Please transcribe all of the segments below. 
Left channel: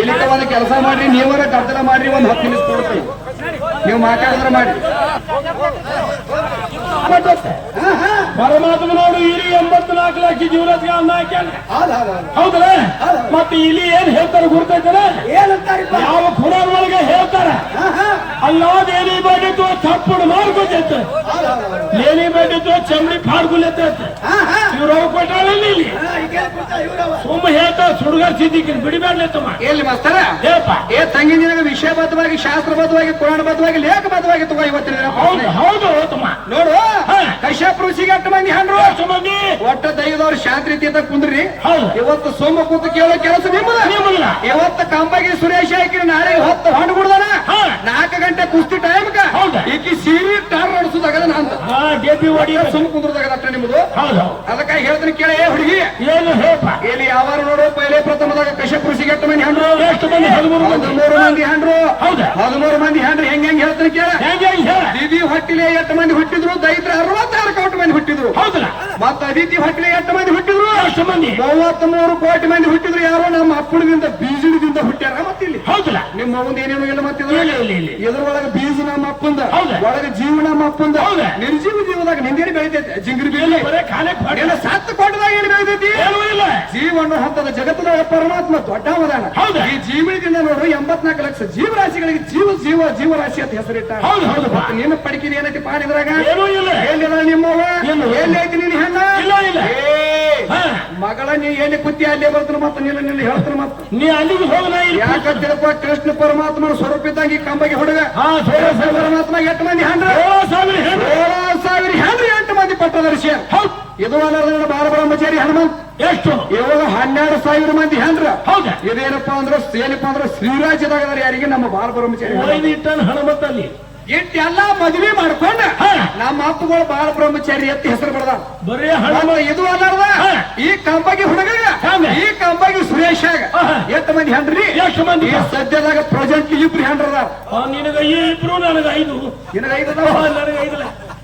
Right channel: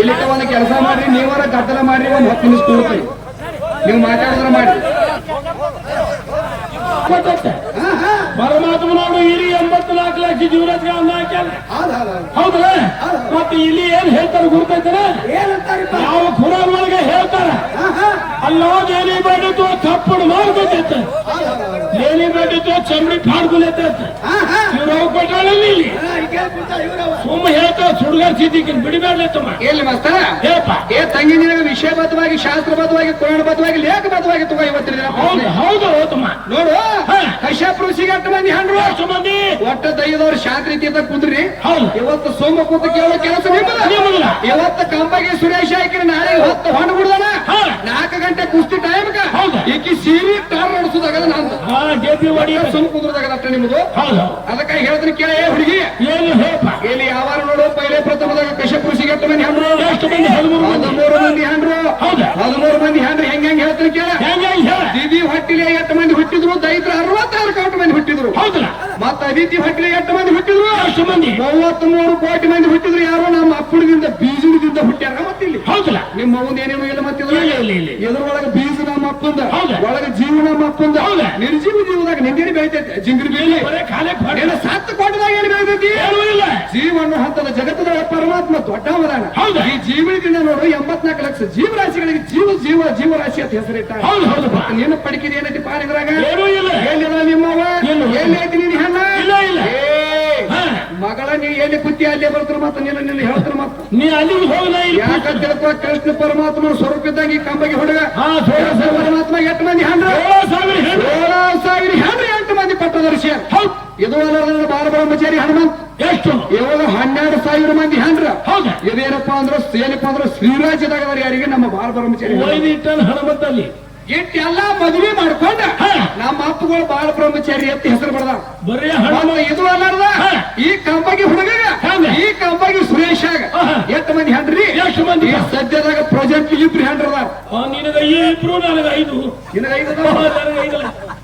ಇಲ್ಲಿ ಒಂದು ಕೆಲಸ ಮಾಡಿ ನೀವರ ಗದ್ದಲ ಮಾಡಿ ಒಂದು ಹತ್ತು ನಿಮಿಷ ಕೂಡ್ತೀವಿ ನೀವು ಮಾತಾಡಿದ್ರೆ ಮಾಡಿ ಗೊತ್ತೈತೆ? ಹಾ ಹಾ. ಪರಮಾತ್ಮ ನೋಡು ಇಲ್ಲಿ ಎಂಬತ್ನಾಲ್ಕು ಲಕ್ಷ ಜೀವನಕ್ಕೆ ಅನ್ನ ಹಾಕ್ಯಾನ. ಮತ್ತೆ ಇಲ್ಲಿ ಏನ್ ಹೇಳ್ತಾರೆ ಗುರುತೈತಾರೆ ಯಾವ ಪುರಾಣ ಒಳಗೆ ಹೇಳ್ತಾರೆ ಅಲ್ಲಾದ ಏನಿ ಬೇಡಿತು ತಪ್ಪು ಮಾಡ್ಕೊತೈತೆ. ಏನಿ ಬೇಡಿತು ಚಮಡಿ ಫಾಡ್ಗುಲೈತೈತೆ ಇವ್ರವ್ರು ಕೊಟ್ಟಾರಲ್ಲಿ ಇಲ್ಲಿ. ಸುಮ್ಮ ಹೇಳ್ತಾ ಸುಡುಗಾರ್ ಸಿದ್ದಿಗೆ ತಮ್ಮ. ಎಲ್ಲಿ ಮಾಸ್ತರ? ಹೇಳಪ್ಪ. ಏ ತಂಗಿ ನಿನಗೆ ವಿಷಯಬದ್ಧವಾಗಿ ಶಾಸ್ತ್ರಬದ್ಧವಾಗಿ ಪುರಾಣಬದ್ಧವಾಗಿ ಲೇಖಬದ್ಧವಾಗಿ ತಗೋ ಇವತ್ತಿನ ಹೌದು ಹೌದು ತಮ್ಮ. ನೋಡು. ಕಶ್ಯಪ ಋಷಿಗೆ ಅಟ್ಟು ಮಂದಿ ಹಂಡ್ರು ಎಷ್ಟು ಮಂದಿ ಒಟ್ಟ ದೈದವ್ರು ಶಾಂತಿ ತೀರ್ಥ ಕುಂದ್ರಿ. ಹೌದು. ಇವತ್ತು ಸೋಮ ಕೂತು ಕೇಳೋ ಕೆಲಸ ನಿಮ್ಮಲ್ಲ ಇವತ್ತು ಕಂಬಗೆ ಸುರೇಶ್ ಹಾಕಿ ನಾಳೆ ಹೊತ್ತು ಹೊಂಡು ಬಿಡ್ದಾನ. ಹಾ. ನಾಲ್ಕು ಗಂಟೆ ಕುಸ್ತಿ ಟೈಮ್. ಈಕಿ ಸೀರಿ ಟಾರ್ ಓಡಿಸೋದಾಗಲ್ಲ ನಾನು ಸುಮ್ ಕುಂದ್ರದಾಗದ ನಿಮ್ದು. ಅದಕ್ಕಾಗಿ ಹೇಳ್ತೀನಿ ಕೇಳ ಏ ಹುಡುಗಿ. ಏನು ಇಲ್ಲಿ ಯಾವಾಗ ನೋಡು ಪೈಲೆ ಪ್ರಥಮದಾಗ ಕಶ್ಯಪ ಕೃಷಿ ಅಟ್ಟು ಮಂದಿ ಹಣ್ಣು ಹದಿಮೂರು ಮಂದಿ. ಹಣ್ಣು ಹದಿಮೂರು ಮಂದಿ ಹಣ್ಣು ಹೆಂಗ್ ಹೆಂಗ್ ಹೇಳ್ತೀನಿ ಕೇಳ. ದಿದಿ ಹೊಟ್ಟಿಲೆ ಎಷ್ಟು ಮಂದಿ ಹುಟ್ಟಿದ್ರು? ದೈತ್ರ ಅರವತ್ತಾರು ಕೋಟಿ ಮಂದಿ ಹುಟ್ಟಿದ್ರು. ಹೌದಾ? ಮತ್ತ ಅದಿತಿ ಹೊಟ್ಟಿಲೆ ಎಷ್ಟು ಮಂದಿ ಹುಟ್ಟಿದ್ರು? ಎಷ್ಟು ಮಂದಿ. ಮೂವತ್ತ್ ಮೂರು ಕೋಟಿ ಮಂದಿ ಹುಟ್ಟಿದ್ರು ಯಾರೋ ನಮ್ಮ ಅಪ್ಪಣದಿಂದ ಬೀಜದಿಂದ ಹುಟ್ಟ್ಯಾರ ಮತ್ತಿಲ್ಲಿ. ಹೌದಿಲ್ಲ. ನಿಮ್ಮ ಅವ್ವನ್ ಏನೇನು ಇಲ್ಲ ಮತ್ತಿದ್ರು. ಎದ್ರೊಳಗ ಬೀಜ ನಮ್ಮ ಅಪ್ಪಂದ? ಒಳಗ ಜೀವನ ನಮ್ಮ ಅಪ್ಪಂದ. ಹೌದಾ? ನಿರ್ಜೀವ ಜೀವದಾಗ ನಿಂಗೇರಿ ಬೆಳಿತೈತೆ? ಜಿಂಗ್ರಿ ಏನ ಸತ್ತು ಕೊಟ್ಟದಾಗ ಏನು ಬೆಳಿತೈತಿ? ಜೀವನ ಹಂತದ ಜಗತ್ತದಾಗ ಪರಮಾತ್ಮ ದೊಡ್ಡ ಅವದಾನ ಹೌದಾ? ಈ ಜೀವನದಿಂದ ನೋಡು ಎಂಬತ್ನಾಲ್ಕು ಲಕ್ಷ ಜೀವರಾಶಿಗಳಿಗೆ ಜೀವ ಜೀವ ಜೀವರಾಶಿ ಅಂತ ಹೆಸರಿಟ್ಟ ಹೌದು ಹೌದು. ನೀನು ಪಡಿಕಿದ ಏನೈತಿ ಪಾಡಿದ್ರಾಗ? ಏನೂ ಇಲ್ಲ. ಎಲ್ಲಿದ ನಿಮ್ಮವ್ವ? ಏನು? ಎಲ್ಲಿ ಐತಿ ನೀನು ಹೆಣ್ಣ? ಇಲ್ಲ ಇಲ್ಲ. ಮಗಳ ನೀವು ಏನು ಕುತ್ತಿ ಅಲ್ಲೇ ಬರ್ತಾರ ಮತ್ತ? ನಿಲ್ಲ ನಿಲ್ಲಿ ಹೇಳ್ತಾರ ಮತ್ತ? ನೀ ಅಲ್ಲಿಗೆ ಹೋಗಲ್ಲ ಕೃಷ್ಣ ಪರಮಾತ್ಮನ ಸ್ವರೂಪ ಇದ್ದಾಗ ಈ ಕಂಬಗೆ ಹೊಡೆದ? ಪರಮಾತ್ಮ ಎಂಟು ಮಂದಿ ಹಂಡ್ರ? ಸಾವಿರ ಹಂಡ್ರ. ಎಂಟು ಮಂದಿ ಪಟ್ಟದರ್ಶಿ ಇದು ಅಲ್ಲ ಬಾರ ಬ್ರಹ್ಮಚಾರಿ ಹನುಮಂತ್. ಎಷ್ಟು ಇವರು ಹನ್ನೆರಡು ಸಾವಿರ ಮಂದಿ ಹಂಡ್ರ. ಹೌದು. ಇದೇನಪ್ಪ ಅಂದ್ರೆ ಏನಪ್ಪ ಅಂದ್ರೆ ಶ್ರೀರಾಜ್ಯದಾಗ ಯಾರಿಗೆ? ನಮ್ಮ ಬಾರ ಬ್ರಹ್ಮಚಾರಿ ಹನುಮಂತ. ಇಟ್ಟನ ಮದ್ವಿ ಎಲ್ಲ ಮದುವೆ ಮಾಡ್ಕೊಂಡ. ನಮ್ಮ ಅಪ್ಪಗಳು ಬಾಲ ಬ್ರಹ್ಮಚಾರಿ ಎತ್ತಿ ಹೆಸರು ಹನುಮ ಇದು ಅಲ್ಲಾರ್ದ? ಈ ಕಂಬಗಿ ಹುಡುಗಗ? ಈ ಕಂಬಗಿ ಸುರೇಶಾಗ. ಎಷ್ಟು ಮಂದಿ ಹೆಂಡ್ರಿ ಎಷ್ಟು ಮಂದಿ? ಸದ್ಯದಾಗ ಪ್ರೆಸೆಂಟ್ ಇಬ್ರು ಹೆಂಡ್ರದ ನಿನಗ ಇಬ್ರು ನನಗ ಐದು. ನಿನಗೆ ಐದು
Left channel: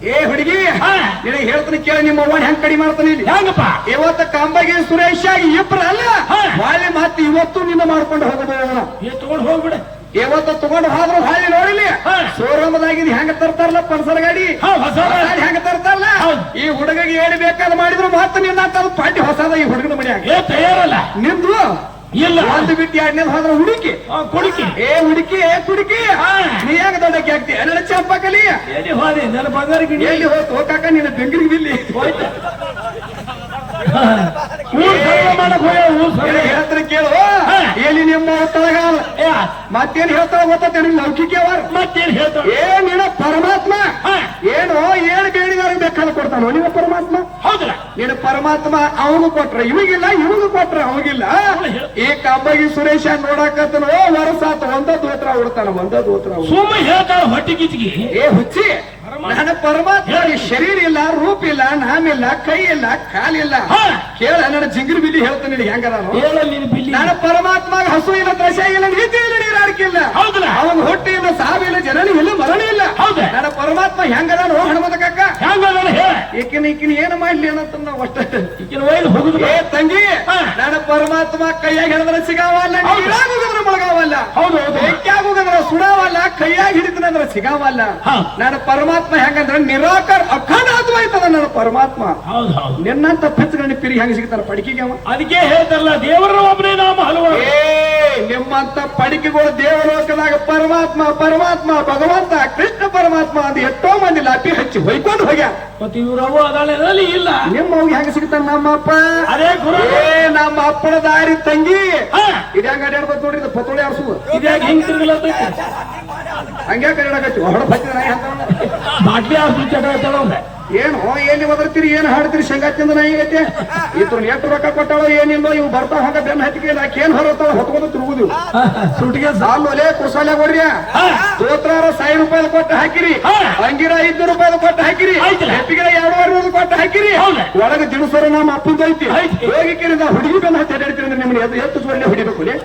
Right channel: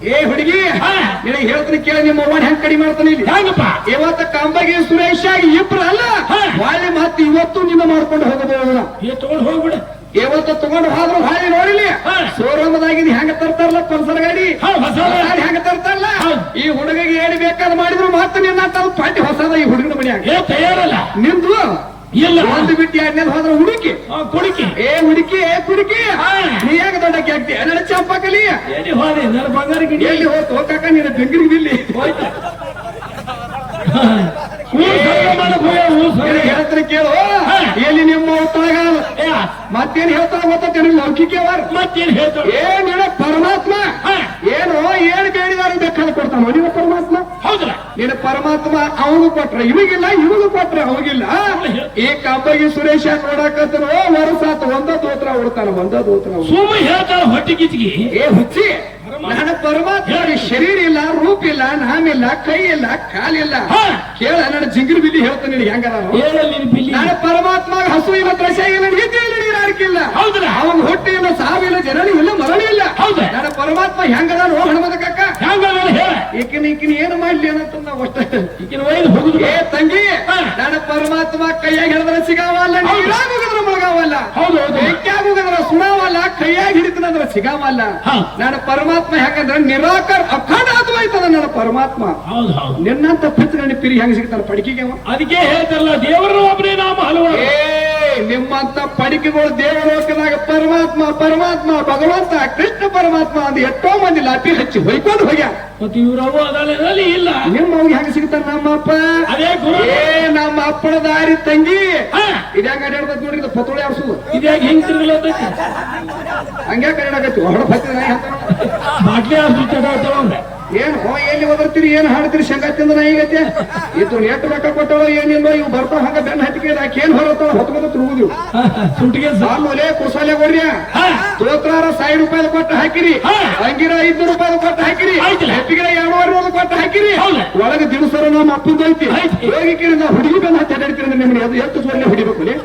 ಏ ಹುಡುಗಿ ಹಾ. ನಿನಗೆ ಹೇಳ್ತೀನಿ ಕೇಳಿ ನಿಮ್ಮ ಅವ್ವನ ಹೆಂಗ್ ಕಡಿಮೆ ಮಾಡ್ತಾನೆ ಹೆಂಗಪ್ಪ? ಇವತ್ತು ಸುರೇಶ್ ಆಗಿ ಇಬ್ರು ಅಲ್ಲ. ವಾಲಿ ಮತ್ತೆ ಇವತ್ತು ನಿನ್ನ ಮಾಡ್ಕೊಂಡು ಹೋಗಬಹುದು ತಗೊಂಡು ಹೋಗ್ಬಿಡ. ಇವತ್ತು ತಗೊಂಡು ಹೋದ್ರು ಹಾಳಿ ನೋಡಿಲಿ. ಶೋರೂಮ್ದಾಗಿದ್ ಹೆಂಗ ತರ್ತಾರಲ್ಲ ಪಲ್ಸರ್ ಗಾಡಿ? ಹಾ, ಹೊಸ ಗಾಡಿ. ಹೆಂಗ ತರ್ತಾರಲ್ಲ? ಈ ಹುಡುಗಿಗೆ ಏನ್ ಬೇಕಾದ್ ಮಾಡಿದ್ರು ಮಾತ್ರ ನಿನ್ನ ತಂದು ಪಾಟಿ ಹೊಸದ ಈ ಹುಡುಗನ ಮನೆಯಲ್ಲ ತಯಾರಲ್ಲ. ನಿಂದು? ಇಲ್ಲ. ಒಂದು ಬಿಟ್ಟು ಎರಡನೇ ಹೋದ್ರೆ ಹುಡುಕಿ. ಕುಡುಕಿ. ಏ ಹುಡುಕಿ ಏ ಕುಡುಕಿ. ನೀ ಯಾಕ ದೊಡ್ಡಕ್ಕೆ ಆಗ್ತಿ ನನ್ನ ಚಂಪಕಲಿ ಹೋರಿ ನನ್ನ ಬಂಗಾರ ಗಿಡಿ. ಎಲ್ಲಿ ಹೋಯ್ತು? ಹೋಗಾಕ ನೀನು ಬೆಂಗ್ರಿಗೆ ಬಿಲ್ಲಿ. ಹೇಳ್ತಾರೆ ಕೇಳು. ಎಲ್ಲಿ ನಿಮ್ಮ ಮತ್ತೇನ್ ಹೇಳ್ತಾರ ಗೊತ್ತ ಲೌಕಿಕವಾರ ಮತ್ತೇನ್ ಹೇಳ್ತಾಳೆ ಏನ್ ಏನ ಪರಮಾತ್ಮ. ಏನು ಏನ್ ಬೇಡಿದಾರ ಬೇಕಾದ್ರೆ ಕೊಡ್ತಾನೋ? ನೀವು ಪರಮಾತ್ಮ? ಹೌದಾ ನೀನು ಪರಮಾತ್ಮ ಅವನು ಕೊಟ್ರ. ಇವಗಿಲ್ಲ ಇವನು ಕೊಟ್ರ ಅವಗಿಲ್ಲ ಈ ಕಬ್ಬಗಿ ಸುರೇಶ ನೋಡಾಕತ್ತನೋ ವರಸಾತ ಒಂದ ದೋತ್ರ ಉಡ್ತಾನ ಒಂದ ದೋತ್ರ. ಸುಮ್ಮ ಹೇಳ್ತಾಳ ಹೊಟ್ಟಿ ಗಿಚ್ಗಿ ಏ ಹುಚ್ಚಿ. ಪರಮಾತ್ಮ ಶರೀರ ಇಲ್ಲ ರೂಪ ಇಲ್ಲ ನಾಮಿಲ್ಲ ಕೈ ಇಲ್ಲ ಕಾಲಿಲ್ಲ. ಕೇಳ ನನ್ನ ಜಿಂಗಿರ್ ಬಿಲಿ ಹೇಳ್ತಾನೆ ನೀನು ಬಿಲ್ಲಿ. ನನ್ನ ಪರಮಾತ್ಮ ಹಸು ಇಲ್ಲ ದ್ರಶ ಇಲ್ಲ ನೀತಿ ಇಲ್ಲ. ನೀರಾರಿಕಿಲ್ಲ ಹೌದಲ್ಲ ಅವನ ಹೊಟ್ಟೆ ಇಲ್ಲ ಸಾವಿಲ್ಲ ಜನನಿ ಇಲ್ಲ ಮರಣ ಇಲ್ಲ. ಹೌದಾ? ನನ್ನ ಪರಮಾತ್ಮ ಹೆಂಗದ ನೋ ಹಣಮದ ಕಕ್ಕ ಹೆಂಗ ಹೇಳ ಈಕಿನ ಈಕಿನ ಏನು ಮಾಡ್ಲಿ ನಾವು ಅಷ್ಟೇ ಈಕಿನ ವೈಲ್ ಹುಡುಗ ಏ ತಂಗಿ. ನನ್ನ ಪರಮಾತ್ಮ ಕೈಯಾಗ ಹಿಡಿದ್ರೆ ಸಿಗಾವಲ್ಲ ನೀರಾಗ ಹೋಗಿದ್ರೆ ಮುಳಗಾವಲ್ಲ. ಹೌದು ಬೆಂಕಿಯಾಗ ಹೋಗಿದ್ರೆ ಸುಡಾವಲ್ಲ ಕೈಯಾಗ ಹಿಡಿತನಂದ್ರೆ ಸಿಗಾವಲ್ಲ. ನನ್ನ ಪರಮಾತ್ಮ ಹೆಂಗಂದ್ರೆ ನಿರಾಕರ್ ಅಖಂಡಾತ್ಮಾಯ್ತದ ನನ್ನ ಪರಮಾತ್ಮ. ನಿನ್ನಂತ ಪಿತ್ರಿ ಪಿರಿ ಹೆಂಗ್ ಸಿಗ್ತಾರ ಪಡಿಕೆಗೆ ಅವ. ಅದಕ್ಕೆ ಹೇಳ್ತಾರಲ್ಲ ದೇವರ ಒಬ್ಬನೇ ನಾಮ ಹಲವಾರು. ಏ ನಿಮ್ಮಂತ ಪಡಿಕೆಗಳು ದೇವಲೋಕನಾಗ ಪರಮಾತ್ಮ ಪರಮಾತ್ಮ ಭಗವಂತ ಕೃಷ್ಣ ಪರಮಾತ್ಮ ಅಂತ ಎಷ್ಟೋ ಮಂದಿ ಲಾಪಿ ಹಚ್ಚಿ ಹೊಯ್ಕೊಂಡು ಹೋಗ್ಯ. ಮತ್ತು ಇವ್ರವ್ವ ಇರಲಿ ಇಲ್ಲ. ನಿಮ್ಮ ಅವ್ರಿಗೆ ಹೆಂಗ ಸಿಗ್ತಾರ ನಮ್ಮಪ್ಪ? ಅದೇ ಗುರು. ಏ ನಮ್ಮ ಅಪ್ಪನ ದಾರಿ ತಂಗಿ. ಇದ್ಯಾಂಗ ಅಡ್ಯಾಡ್ಬೇಕು ನೋಡಿ ಇದು ಪತೋಳಿ ಅವಸು ಇದ್ಯಾಗ ಹಿಂಗ್ ತಿರುಗಲತ್ತೈತಿ? ಹಂಗೆ ಕನ್ನಡಕತ್ತಿ ಹೊಡ ಬೈತಿದ ಬಾಟ್ಲಿ ಹಾಕಿ ಏನು? ಎಲ್ಲಿ ಓದಿರ್ತೀರಿ ಏನ್ ಹಾಡ್ತೀರಿ ಶಂಗಾ ತಿಂದ ನಾಯಿಗತ್ತೆ ಇದು ಎಷ್ಟು ರೊಕ್ಕ ಕೊಟ್ಟಳು ಏನಿಲ್ಲೋ ಇವ್ ಬರ್ತಾವ ಹಂಗ ಬೆನ್ನ ಹತ್ತಿಗೆ ಆಕೆ ಏನ್ ಹೊರತಾವ ಹೊತ್ಕೊಂಡು ತಿರುಗುದು ಸುಟ್ಟಿಗೆ ಆಮೇಲೆ ಕುಸಾಲೆ ಕೊಡ್ರಿ ತೋತ್ರಾರ ಸಾವಿರ ರೂಪಾಯಿ ಕೊಟ್ಟು ಹಾಕಿರಿ. ಹಾ. ಅಂಗಿರ ಐದು ರೂಪಾಯಿ ಕೊಟ್ಟು ಹಾಕಿರಿ. ಹೆಪ್ಪಿಗೆ ಎರಡೂವರೆ ರೂಪಾಯಿ ಕೊಟ್ಟು ಹಾಕಿರಿ. ಒಳಗೆ ದಿನಸರ ನಮ್ಮ ಅಪ್ಪಂದ ಐತಿ ಹೋಗಿ ನಾ ಹುಡುಗಿ ಬೆನ್ನ ಹತ್ತಿ ನಿಮ್ಗೆ. ಎಷ್ಟು ಹೊಡಿಬೇಕು ಹೊಡಿಬೇಕು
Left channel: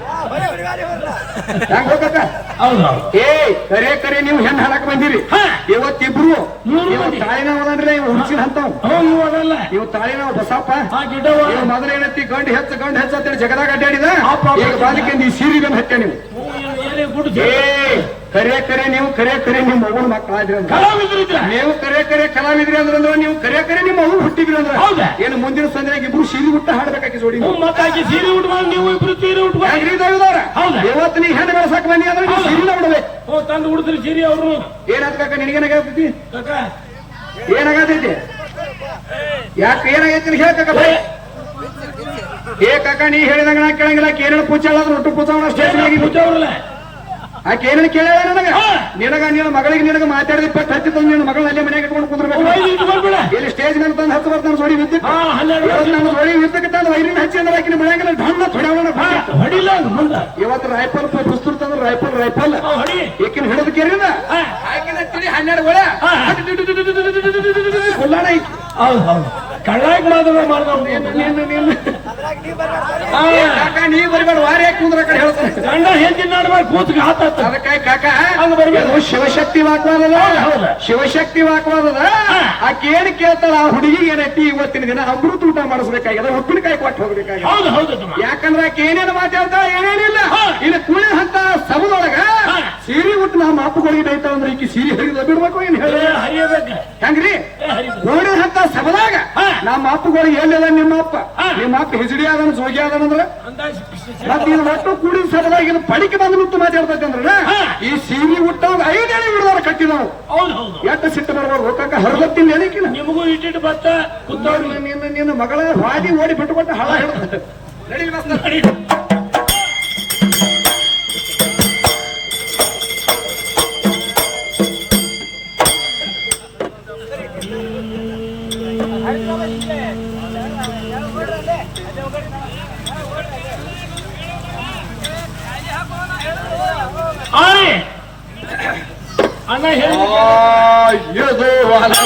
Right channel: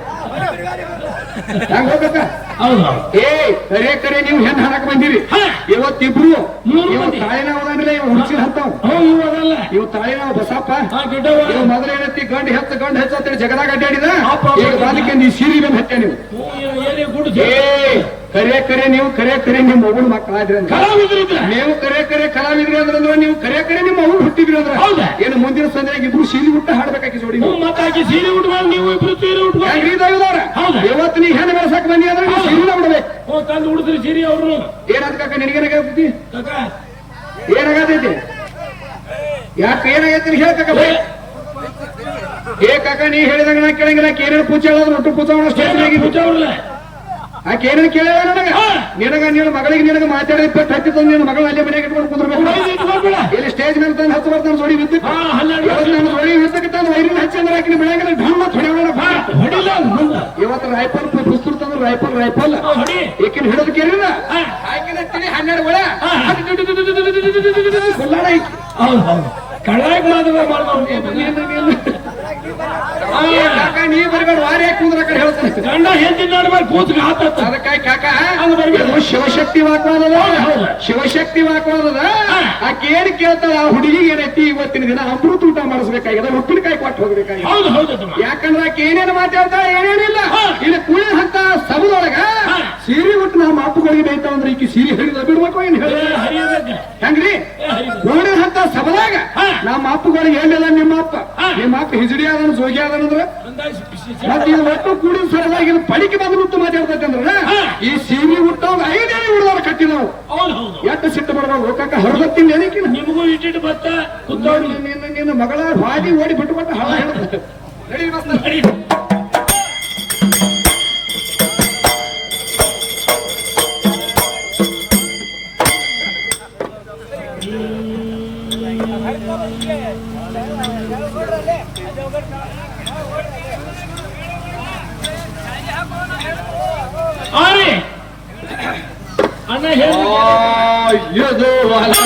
ಏ ಕರೆ ಕರೆ ನೀವು ಹೆಣ್ ಹಾಡಕ್ ಬಂದಿರಿ. ಹಾ. ಇವತ್ತಿಬ್ರು ಮೂರು ಇವ ಮಂದಿ. ತಾಳಿನ ಹೋಗಂದ್ರೆ ಇವ ಹುಡುಗಿ ಹಂತವ್ ಹ್ಞೂ ಇವು ತಾಳಿನ ಬಸಪ್ಪ ಮೊದಲ ಏನೈತಿ ಗಂಡು ಹೆಚ್ಚು ಗಂಡು ಹೆಚ್ಚು ಅಂತೇಳಿ ಜಗದಾಗ ಅಡ್ಡಾಡಿದ. ಅಪ್ಪ. ಈಗ ಬಾಲಿಕೆ ನೀ ಸೀರಿ ಬಂದು ಹಚ್ಚ ನೀವು. ಕರೆ ಕರೆ ನೀವು ಕರೆ ಕರೆ ನಿಮ್ಮ ಮಗನ್ ಮಕ್ಕಳಾದ್ರಿ ನೀವು ಕರೆ ಕರೆ ಕಲಾವಿದ್ರಿ ಅಂದ್ರೆ ಅಂದ್ರೆ ನೀವು ಕರೆ ಕರೆ ನಿಮ್ಮ ಮಗು ಹುಟ್ಟಿದ್ರಿ ಅಂದ್ರ. ಹೌದಾ? ಏನು ಮುಂದಿನ ಸಂದ್ರೆ ಇಬ್ರು ಸೀರಿ ಹುಟ್ಟ ಹಾಡ್ಬೇಕಾಗಿ ಜೋಡಿ. ಸೀರಿ ಉಟ್ಕೊಂಡು ನೀವು ಇಬ್ರು ಸೀರೆ? ಹೌದಾ? ಇವತ್ತು ನೀ ಹೆಣ್ಣು ಬೆಳೆಸಕ್ ಬಂದಿ ಅಂದ್ರೆ ಬಿಡ್ಬೇಕು ಹ್ಞೂ ತಂದು ಉಡ್ತೀರಿ ಸೀರೆ ಅವ್ರು. ಏನಂತ ಕಾಕ ನಿನಗೇನಾಗೈತಿ ಕಾಕ. ಏನಾಗತೈತಿ ಯಾಕೆ ಏನಾಗೈತಿ ಹೇಳ್ಕಾಕ ಬೈ. ಏ. ನೀ ಹೇಳಿದಾಗ ನಾ ಕೇಳಂಗಿಲ್ಲ ಏನೋ ಪೂಜೆ ಹೋದ್ರೆ ಒಟ್ಟು ಪೂಜೆ ಮಾಡೋ ಸ್ಟೇಜ್ ಆಗಿ. ಪೂಜೆ ಆಕೆ ಏನೇನು ನನಗೆ ನನಗ ನೀನು ಮಗಳಿಗೆ ನಿನಗ ಮಾತಾಡಿ ಇಪ್ಪತ್ತು ಹಚ್ಚಿ ತಂದು ನಿನ್ನ ಮಗಳು ಅಲ್ಲೇ ಮನೆಗೆ ಇಟ್ಕೊಂಡು ಕುಂದ್ರಬೇಕು ಇಲ್ಲಿ ಸ್ಟೇಜ್ ಮೇಲೆ ತಂದು ಹತ್ತು ಬರ್ತಾನೆ ಜೋಡಿ ವಿದ್ಯುತ್ ನಾನು ಜೋಡಿ ವಿದ್ಯುತ್ ತಂದು ವೈರಿನ ಹಚ್ಚಿ ಅಂದ್ರೆ ಆಕಿನ ಬೆಳಂಗಿಲ್ಲ ಢಂಗ ಥೊಡಾವಣ ಹೊಡಿಲ್ಲ ಮುಂದೆ ಇವತ್ತು ರೈಫಲ್ ಪುಸ್ತಕ ತಂದ್ರೆ ರೈಫಲ್ ರೈಫಲ್ ಹಾ, ಹೊಡಿ ಈಕಿನ ಹಿಡಿದು ಕೇಳಿಲ್ಲ ಹಾ. ಆಕಿನ ತಿಳಿ ಹನ್ನೆರಡು ಒಳ. ಕೊಲ್ಲಾಣ ಈಕಿ. ಹೌದು ಹೌದು ಕಳ್ಳಾಗಿ ಮಾಡ್ದವ್ರು ನೀವು ಬರಬೇಡ ವಾರಿ ಯಾಕೆ ಕುಂದ್ರ ಕಡೆ ಹೇಳ್ತಾರೆ. ಗಂಡ ಹೆಂಡತಿ ನಡುವೆ ಕೂತ್ಗೆ ಹಾಕತ್ತ ಅದಕ್ಕಾಗಿ ಕಾಕ ಹಂಗ್ ಬರ್ಬೇಕು. ಶಿವಶಕ್ತಿ ವಾಕ್ವಾದಲ್ಲ ಹೌದು. ಶಿವಶಕ್ತಿ ವಾಕ್ವಾದದ ಆಕೆ ಏನು ಕೇಳ್ತಾಳ ಆ ಹುಡುಗಿಗೆ ಏನೈತಿ? ಇವತ್ತಿನ ದಿನ ಅಮೃತ ಊಟ ಮಾಡಿಸ್ಬೇಕಾಗಿದೆ ಉಪ್ಪಿನಕಾಯಿ ಕೊಟ್ಟು ಹೋಗ್ಬೇಕಾಗಿದೆ. ಹೌದು ಹೌದು. ಯಾಕಂದ್ರೆ ಆಕೆ ಏನೇನು ಮಾತಾಡ್ತಾಳ ಏನೇನಿಲ್ಲ. ಇಲ್ಲಿ ಕುಳಿ ಹಂತ ಸಬದೊಳಗ ಸೀರಿ ಉಟ್ಟು ನಮ್ಮ ಅಪ್ಪಗಳಿಗೆ ಅಂದ್ರೆ ಈಕಿ ಸೀರೆ ಹರಿದ ಬಿಡ್ಬೇಕು ಏನ್ ಹೇಳಿ? ಹಂಗ್ರಿ? ಏ, ನಮ್ಮ ಅಪ್ಪಗಳಿಗೆ ಹೇಳಿಲ್ಲ ನಿಮ್ಮ ಅಪ್ಪ. ನಿಮ್ಮ ಅಪ್ಪ ಹಿಜಡಿ ಆದನ ಜೋಗಿ ಆದನಂದ್ರ ಅಂದಾಜ್ ಮತ್ತೆ ಇದು ಒಟ್ಟು ಸಬದಾಗ ಇದು ಪಡಿಕೆ ಬಂದು ನಿಂತು ಮಾತಾಡ್ತೈತೆ ಅಂದ್ರೆ ಈ ಸೀರೆ ಉಟ್ಟವ್ ಐದೇ ಹುಡುಗಾರ ಕಟ್ಟಿ ನಾವು ಎಷ್ಟು ಸಿಟ್ಟು ಬರ್ಬೋದು ಹೋಗಕ್ಕೆ ಹರದತ್ತೀನಿ ಹೇಳಿಕಿನ ನಿಮಗೂ ಇಟ್ಟಿಟ್ಟು ಬತ್ತ ಕುಂತವ್ರಿ. ನಿನ್ನ ನಿನ್ನ ಮಗಳ ಹಾದಿ ಓಡಿ ಬಿಟ್ಟು ಕೊಟ್ಟು ಹಳ ಹೇಳುತ್ತೆ देवाला